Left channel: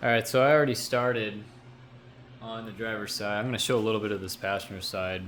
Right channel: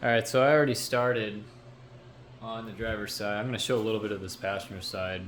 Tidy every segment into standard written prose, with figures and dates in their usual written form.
All right, so I already started on the driver's side. I'm going to show a little bit of this passenger side,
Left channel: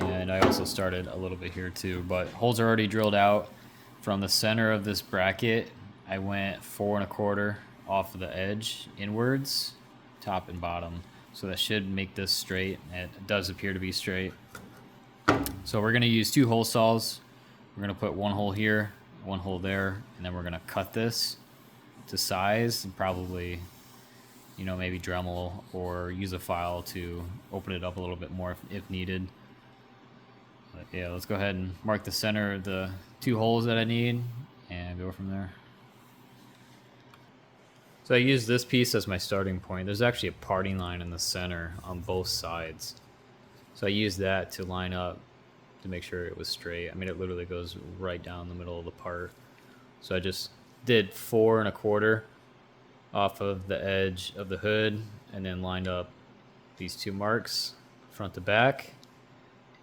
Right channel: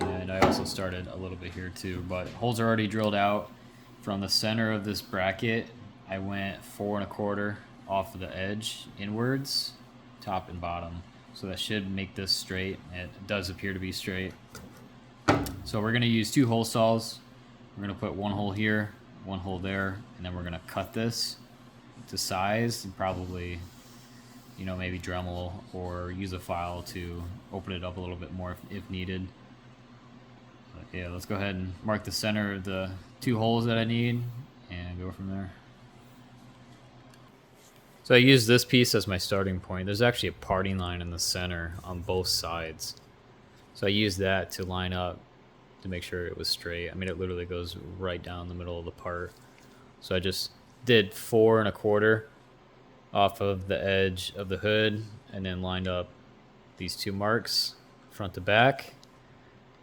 and I also started a little bit here too, but holes are already drilled out. From the center of this bracket, I went 4 1/4 off of the edge inwards, top and bottom. So that should make this straight. It does appear to be straight. So we're going to use 2 hole saws. We're going to put 1 hole here, 1 hole there, and then we're going to cut this to size and probably, maybe Dremel or use a file to open it up a little bit more if needed. But yeah, let's go ahead and mark the center of the 2 holes that I need and go from there. So I use this piece as my starting point. There's actually a parting line in the center on both sides. So I used that to line up to make sure it was straight. I mean, it literally goes right down the middle of the part. So I just did 4 1/4 off of the edge of the hood and then lined up these 2 marks front to back.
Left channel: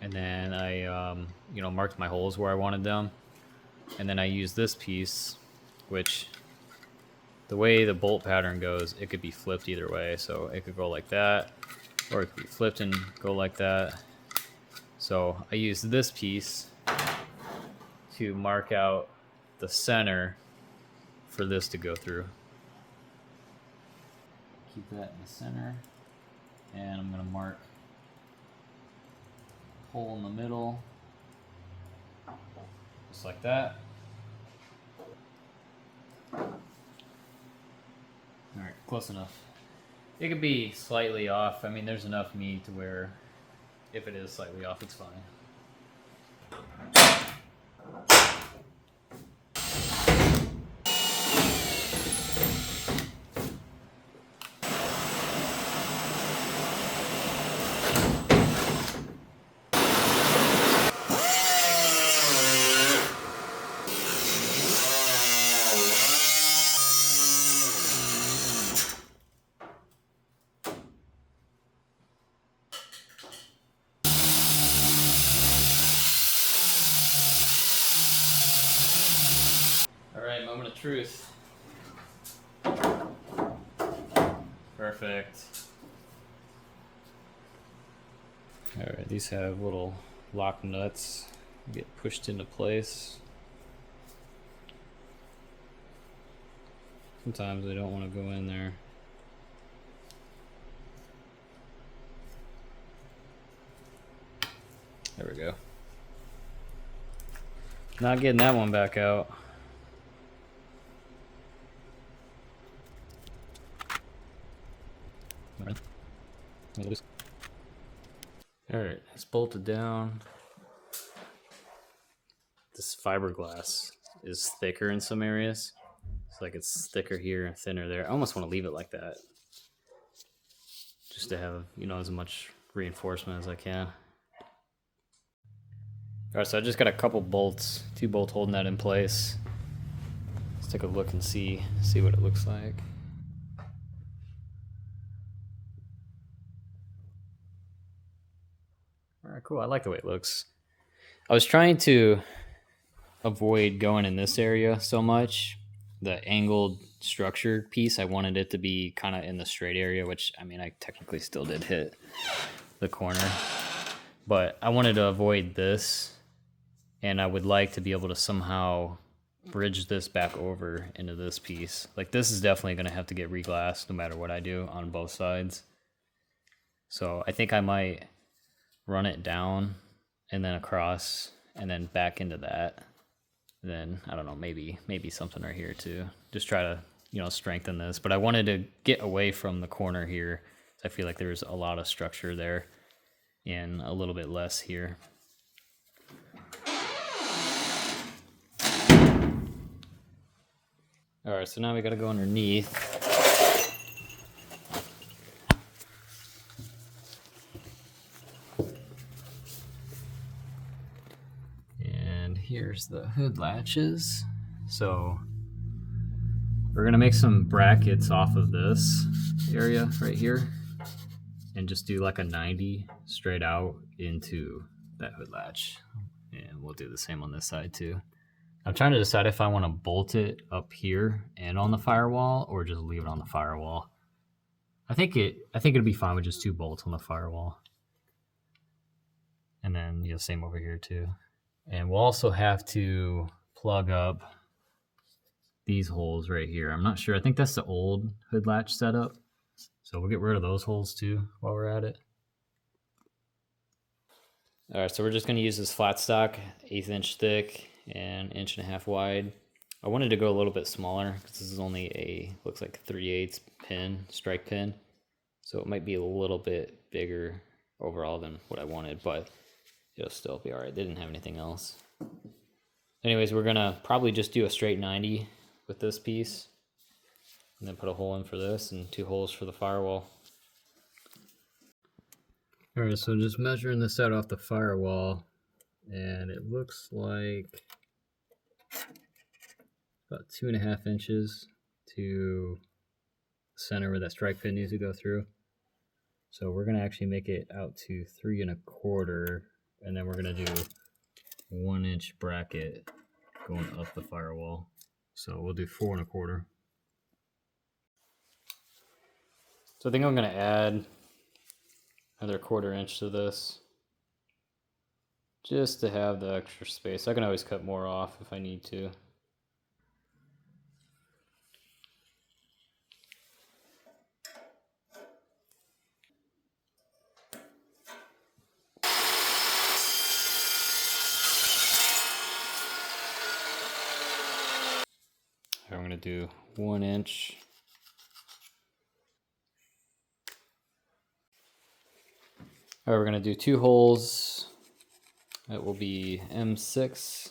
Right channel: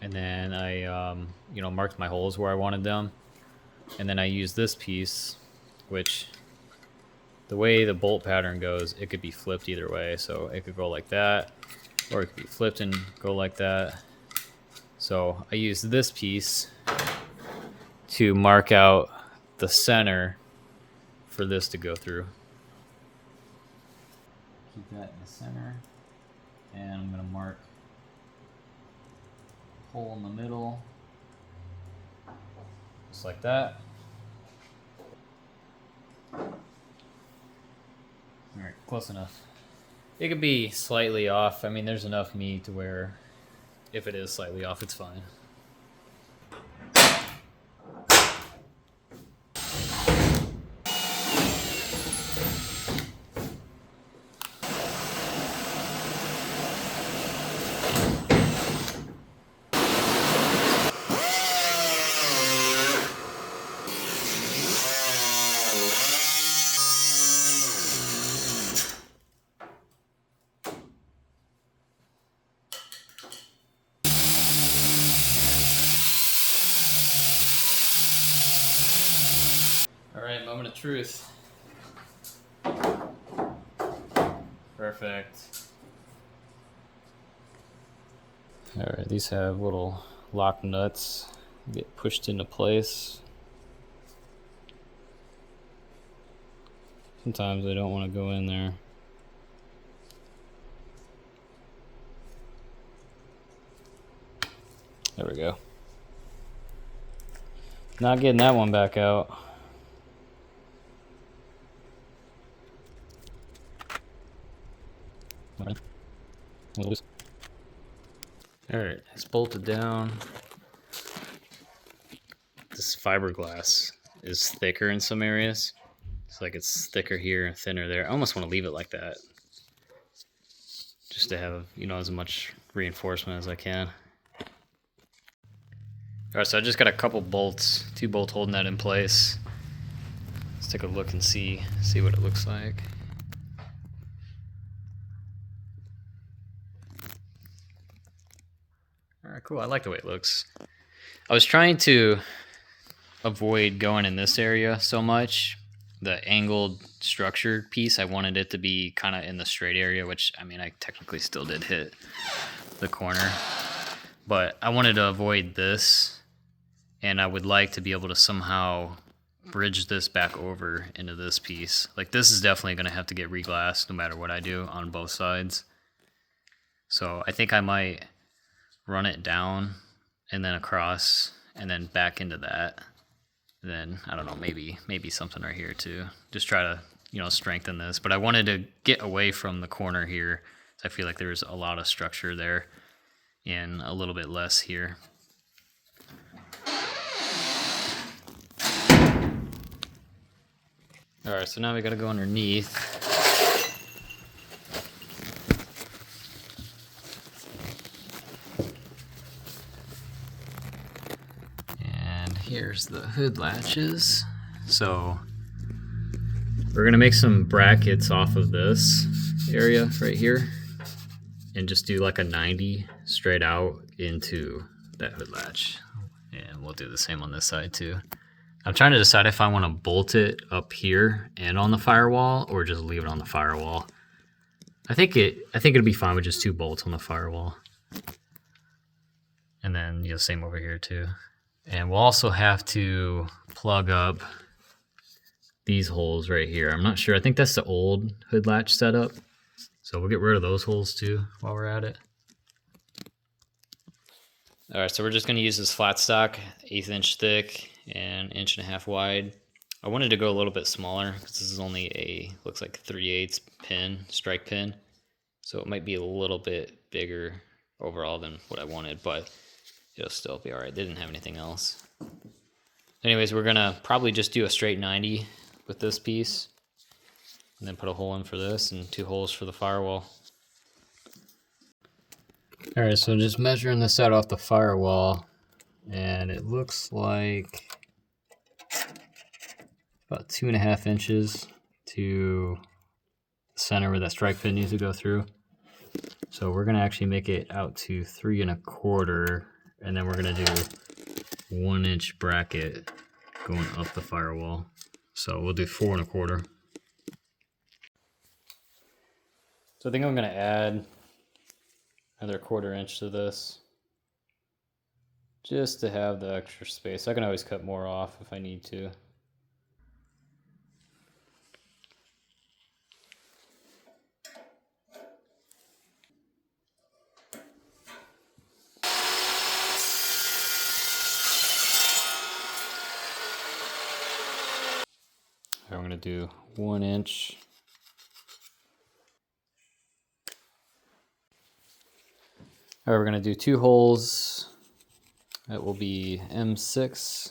And then I, marked my holes where I wanted them. And then I used this piece, which the way the bolt pattern goes, it could be flipped either way. So it could go like that, or it could be flipped and go like that. So I used this piece to mark out the center for this to go through. Keep that in the center, and I'm going to mark a hole in the middle, just like that. Alright, close enough. It could be slightly off. I mean, there's enough meat to where if it is slightly off, it's fine. Alright, moment of truth. Perfect. Alright, these have little lock nuts, get pushed into place. Sometimes I don't want to go in there. There we go. Not getting that one back out. Alright, it's bolted down. This fiberglass is thicker in some areas. It's like it's thicker here and thinner there. I almost want to leave it like that, just to have, as much reinforcement as I can. Alright, so I just got a couple bolts, 2 bolts holding that in place. Let's take a look and see what it looks like. Alright, cool. I like the way it looks. I was trying to avoid going in this area so much. The angled structured piece, I wanted it to be kind of in the straight area, which, I mean, I technically still did hit the corner. But I wanted to avoid this, and I would like to be able to somehow bridge this back over into this piece. Like, this is definitely going to have to get reglassed no matter what I do on both sides. So I think I might run it down and then across and then back into that. Then I don't know, maybe something right here too. Just try to, strengthen this. But I wanted to get away from the corner here. I feel like there's a lot of structure there and a little bit less here. All right, so now we got to go underneath. Here's the hood latches. So we're gonna make some brackets off of this area right here and just do like a 90 straight out into that hood latch. And we'll do the same on this side too. I'm trying to decide if I want to bolt it up here and on the firewall or just leave it on the firewall. I think it'd be fine with just 2 bolts on the firewall. And then, you know, same over here too. And we'll also have to plug up these holes right here. I'm not sure. I think that's the old hood latch setup. So we'll get rid of those holes too while we're at it. All right, so we're just gonna use this flat stock, 1/8 inch thick and 1.5 inch wide. I wanted to go a little bit smaller because this is only a, looks like 3/8 pin, strike pin. So it might be a little bit bigger overall than what I wanted, but it'll still be all right. They didn't have anything else. Anyways, we're gonna probably just do a straight 90 with this piece and then put a hole in for this and 2 holes for the firewall. All right, so just measuring this out off the firewall, and it looks like about 2.5 inches to the center where that strike pin needs to go through. So we're gonna actually make it out to 3 1/4, and then we're gonna do 1 inch bracket going up the firewall. So we'll do 4 1/4. So I think I'm gonna add another 1/4 inch to this just to have the extra space. I can always cut more off if I need to. I'm going to do 1 inch. All right, we're going to do 2 holes. That will be M6.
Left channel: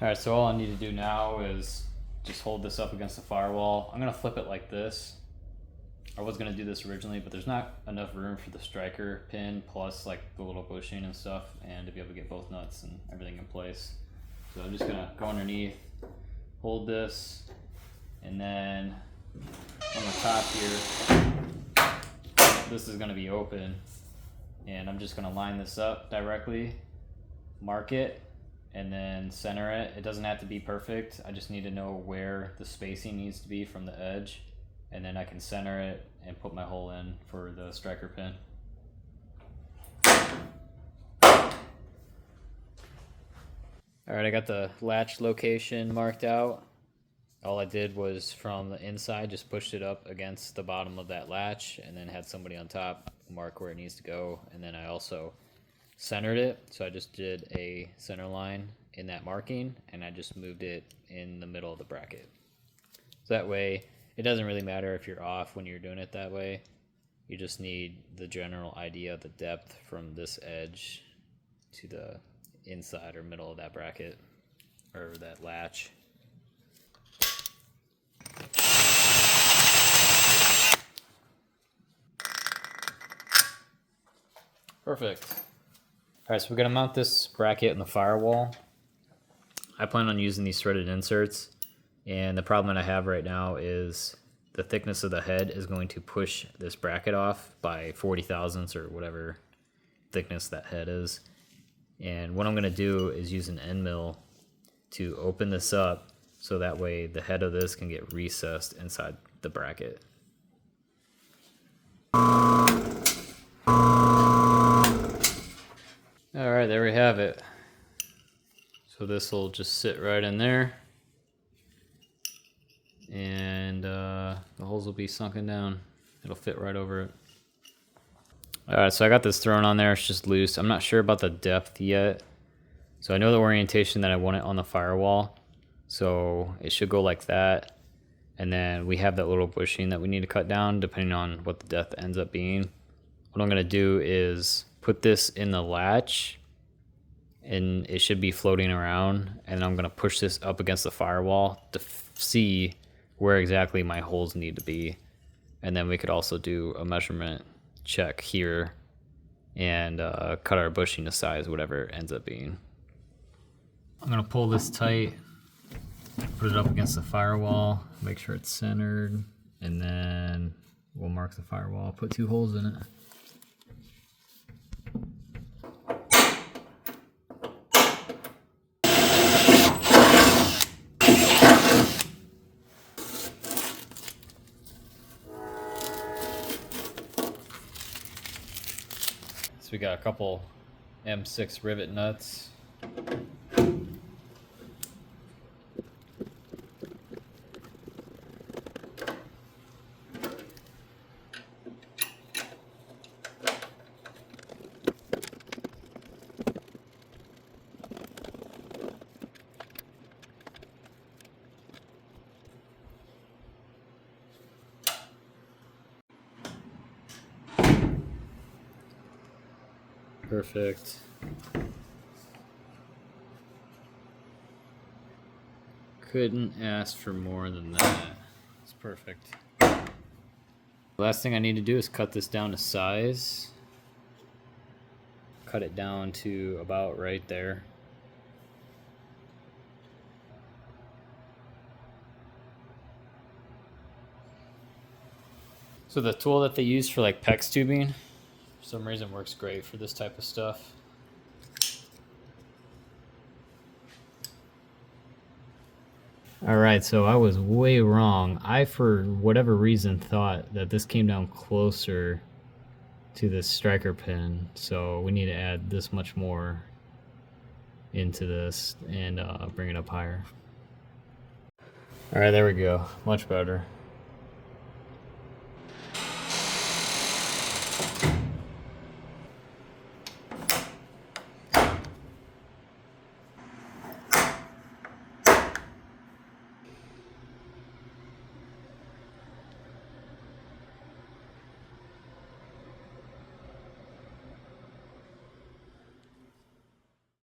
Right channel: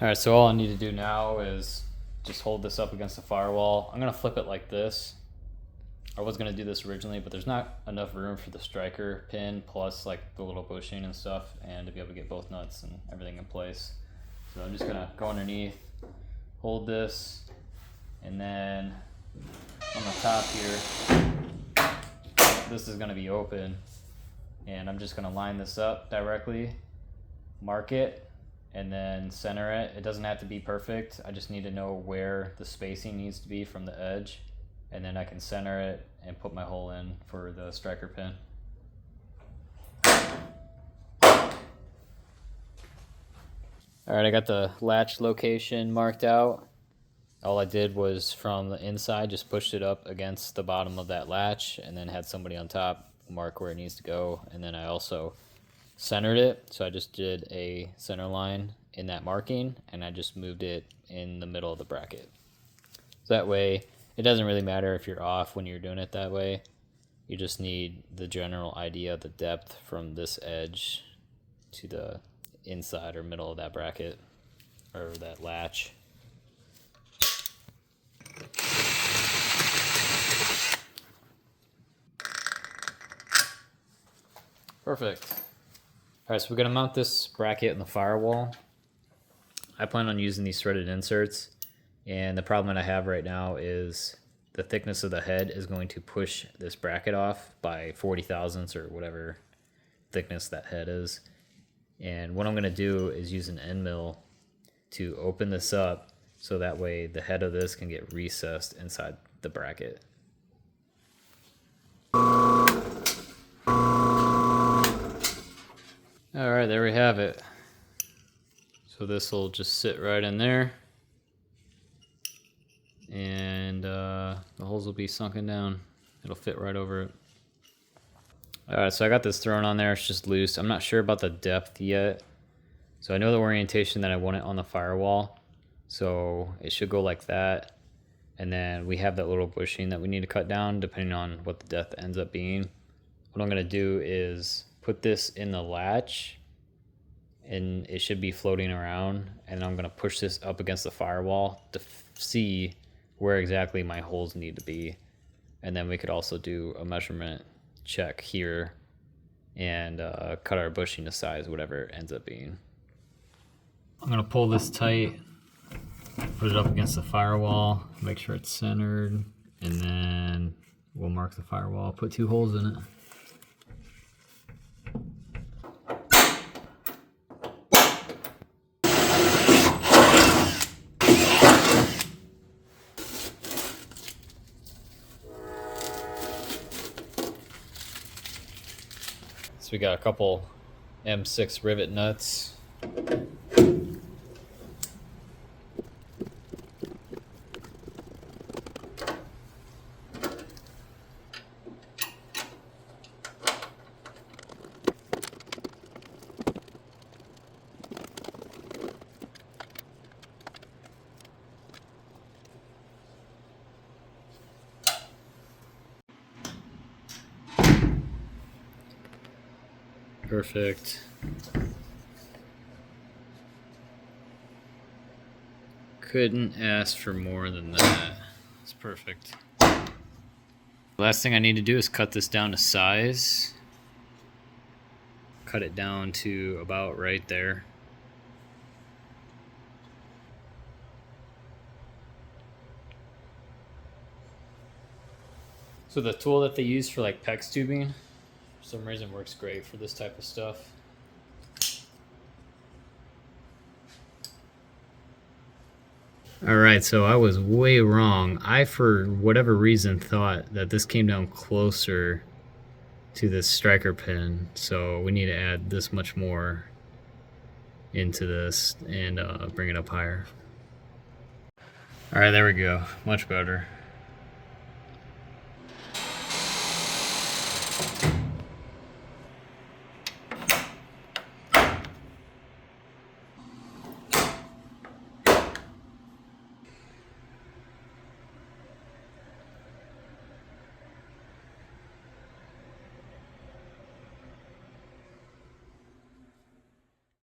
All right, so all I need to do now is just hold this up against the firewall. I'm gonna flip it like this. I was gonna do this originally, but there's not enough room for the striker pin plus like the little bushing and stuff, and to be able to get both nuts and everything in place. So I'm just gonna go underneath, hold this, and then on the top here, this is gonna be open, and I'm just gonna line this up directly, mark it, and then center it. It doesn't have to be perfect. I just need to know where the spacing needs to be from the edge, and then I can center it and put my hole in for the striker pin. All right, I got the latch location marked out. All I did was from the inside, just pushed it up against the bottom of that latch and then had somebody on top mark where it needs to go. And then I also centered it. So I just did a center line in that marking and I just moved it in the middle of the bracket. So that way it doesn't really matter if you're off when you're doing it that way. You just need the general idea of the depth from this edge to the inside or middle of that bracket or that latch. Perfect. All right, so we're gonna mount this bracket in the firewall. I plan on using these threaded inserts, and the problem that I have right now is the thickness of the head is going to push this bracket off by 40 thousandths or whatever thickness that head is. And what I'm gonna do is use an end mill to open this up so that way the head of this can get recessed inside the bracket. All right, there we have it. So this will just sit right in there, and the holes will be sunken down. It'll fit right over it. All right, so I got this thrown on there. It's just loose. I'm not sure about the depth yet, So I know the orientation that I want it on the firewall. So it should go like that. And then we have that little bushing that we need to cut down depending on what the depth ends up being. What I'm gonna do is put this in the latch and it should be floating around. And I'm gonna push this up against the firewall to see where exactly my holes need to be. And then we could also do a measurement check here and cut our bushing to size, whatever it ends up being. I'm gonna pull this tight, put it up against the firewall, make sure it's centered, and then we'll mark the firewall, put 2 holes in it. So we got a couple M6 rivet nuts. Perfect. Couldn't ask for more than that. It's perfect. Last thing I need to do is cut this down to size. Cut it down to about right there. So the tool that they use for like PEX tubing, for some reason works great for this type of stuff. All right, so I was way wrong. I, for whatever reason, thought that this came down closer to this striker pin. So we need to add this much more into this and bring it up higher. All right, there we go. Much better.